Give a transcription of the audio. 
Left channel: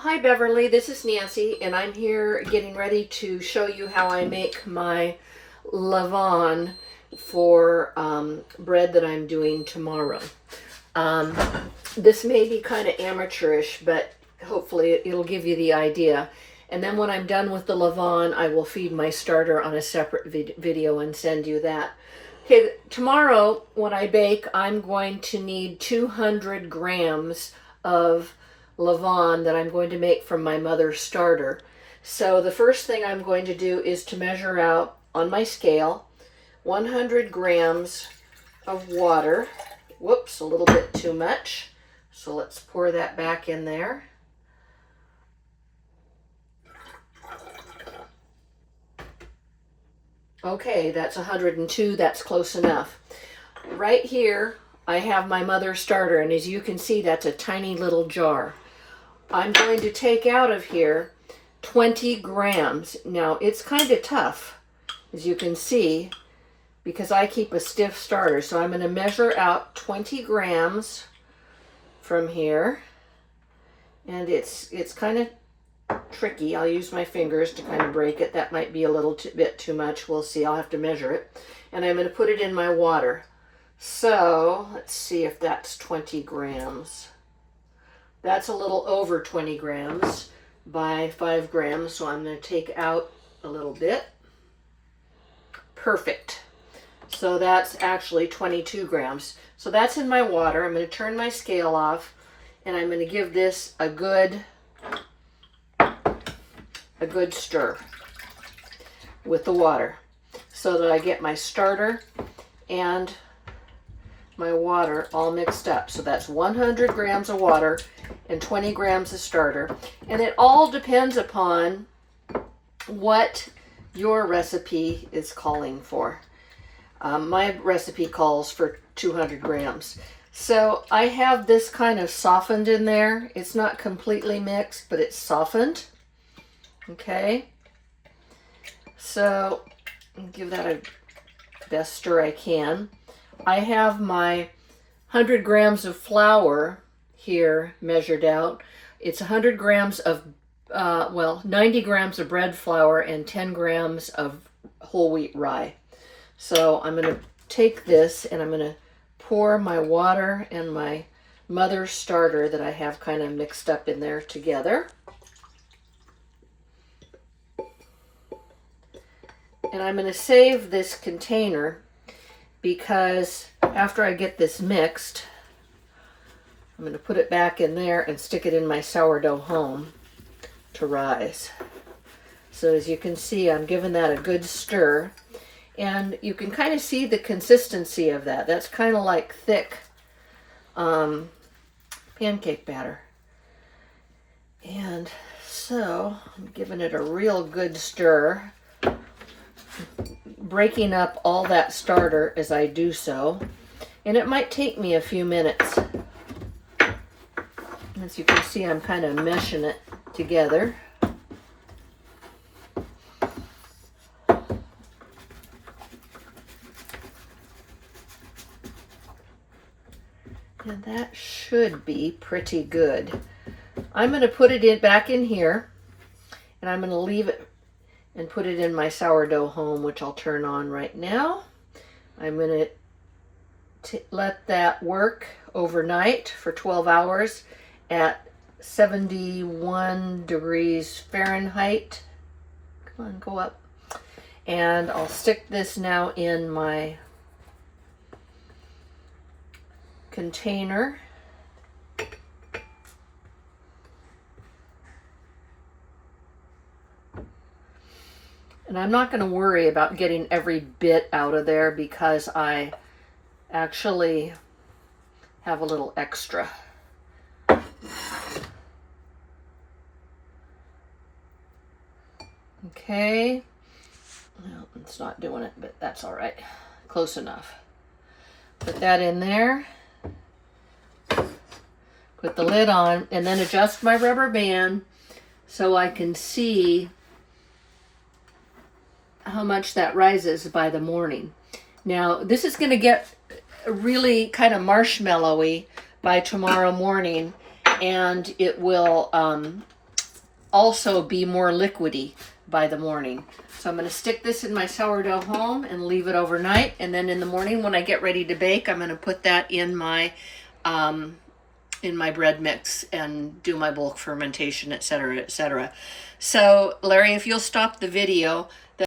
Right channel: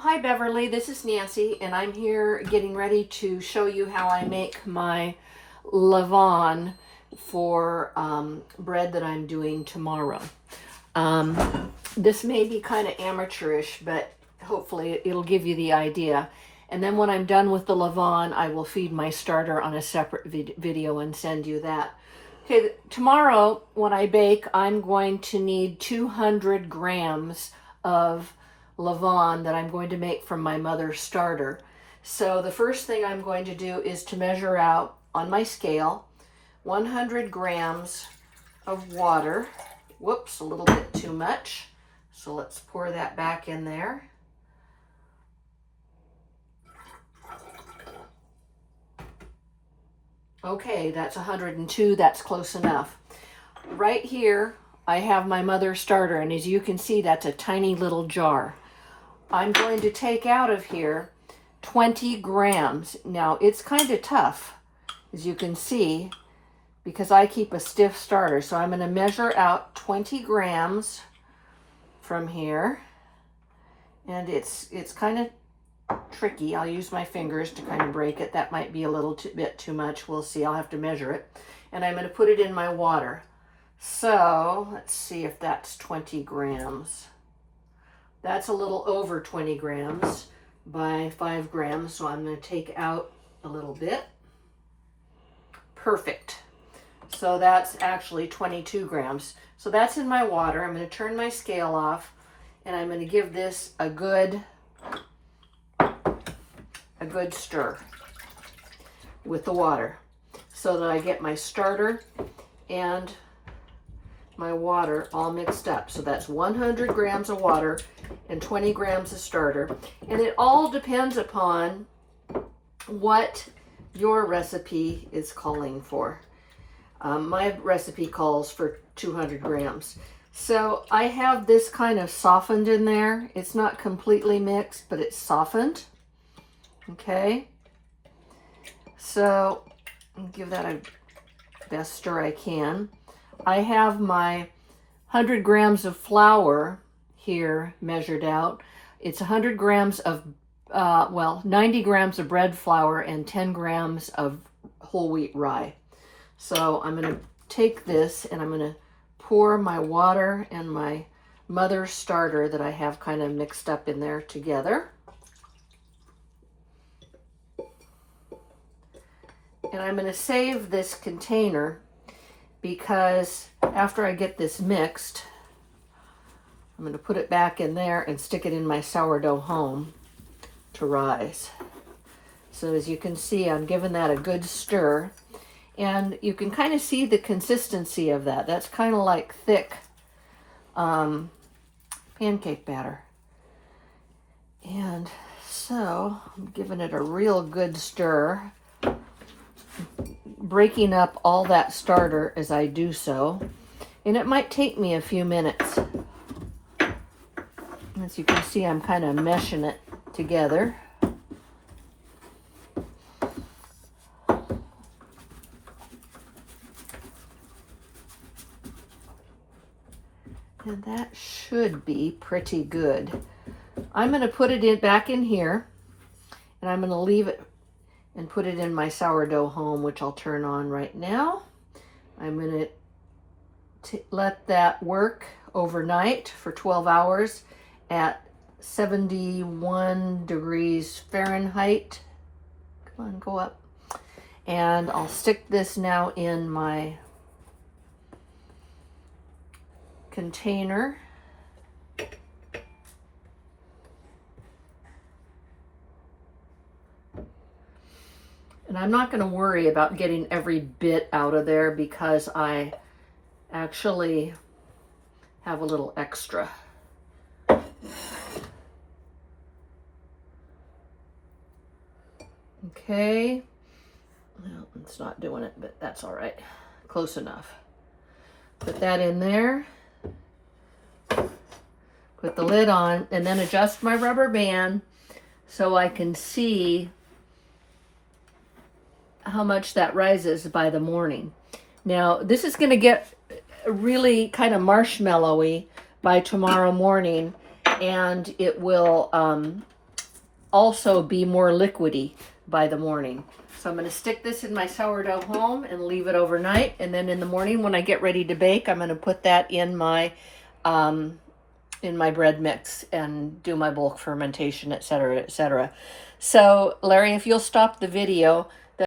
Hi Beverly, this is Nancy, and I'm here getting ready to show you how I make my levain for bread that I'm doing tomorrow. This may be kind of amateurish, but hopefully it'll give you the idea. And then when I'm done with the levain, I will feed my starter on a separate video and send you that. Okay, tomorrow when I bake, I'm going to need 200 grams of levain that I'm going to make from my mother's starter. So the first thing I'm going to do is to measure out on my scale 100 grams of water. Whoops, a little bit too much. So let's pour that back in there. Okay, that's 102, that's close enough. Right here, I have my mother's starter, and as you can see, that's a tiny little jar. I'm going to take out of here 20 grams. Now, it's kind of tough, as you can see, because I keep a stiff starter. So I'm going to measure out 20 grams from here. And it's kind of tricky. I'll use my fingers to kind of break it. That might be a little bit too much. We'll see. I'll have to measure it. And I'm going to put it in my water. So let's see if that's 20 grams. That's a little over 20 grams by 5 grams, so I'm going to take out a little bit. Perfect. So that's actually 22 grams. So that's in my water. I'm going to turn my scale off, and I'm going to give this a good stir with the water so that I get my starter and my water all mixed up. So that's 100 grams of water and 20 grams of starter. And it all depends upon what your recipe is calling for. My recipe calls for 200 grams. So I have this kind of softened in there. It's not completely mixed, but it's softened. Okay. So give that a best stir I can. I have my 100 grams of flour here measured out. It's 100 grams of, 90 grams of bread flour and 10 grams of whole wheat rye. So I'm going to take this and I'm going to pour my water and my mother's starter that I have kind of mixed up in there together. And I'm going to save this container because after I get this mixed, I'm going to put it back in there and stick it in my sourdough home to rise. So as you can see, I'm giving that a good stir. And you can kind of see the consistency of that. That's kind of like thick pancake batter. And so I'm giving it a real good stir, breaking up all that starter as I do so. And it might take me a few minutes. As you can see, I'm kind of meshing it together. And that should be pretty good. I'm going to put it back in here, and I'm going to leave it and put it in my sourdough home, which I'll turn on right now. I'm going to let that work overnight for 12 hours at 71 degrees Fahrenheit. Come on, go up. And I'll stick this now in my container. And I'm not going to worry about getting every bit out of there because I actually have a little extra. Okay. Well, it's not doing it, but that's all right. Close enough. Put that in there. Put the lid on and then adjust my rubber band so I can see how much that rises by the morning. Now, this is going to get really kind of marshmallowy by tomorrow morning, and it will also be more liquidy by the morning. So I'm going to stick this in my sourdough home and leave it overnight. And then in the morning when I get ready to bake, I'm going to put that in my bread mix and do my bulk fermentation, etc., etc. So Larry, if you'll stop the video,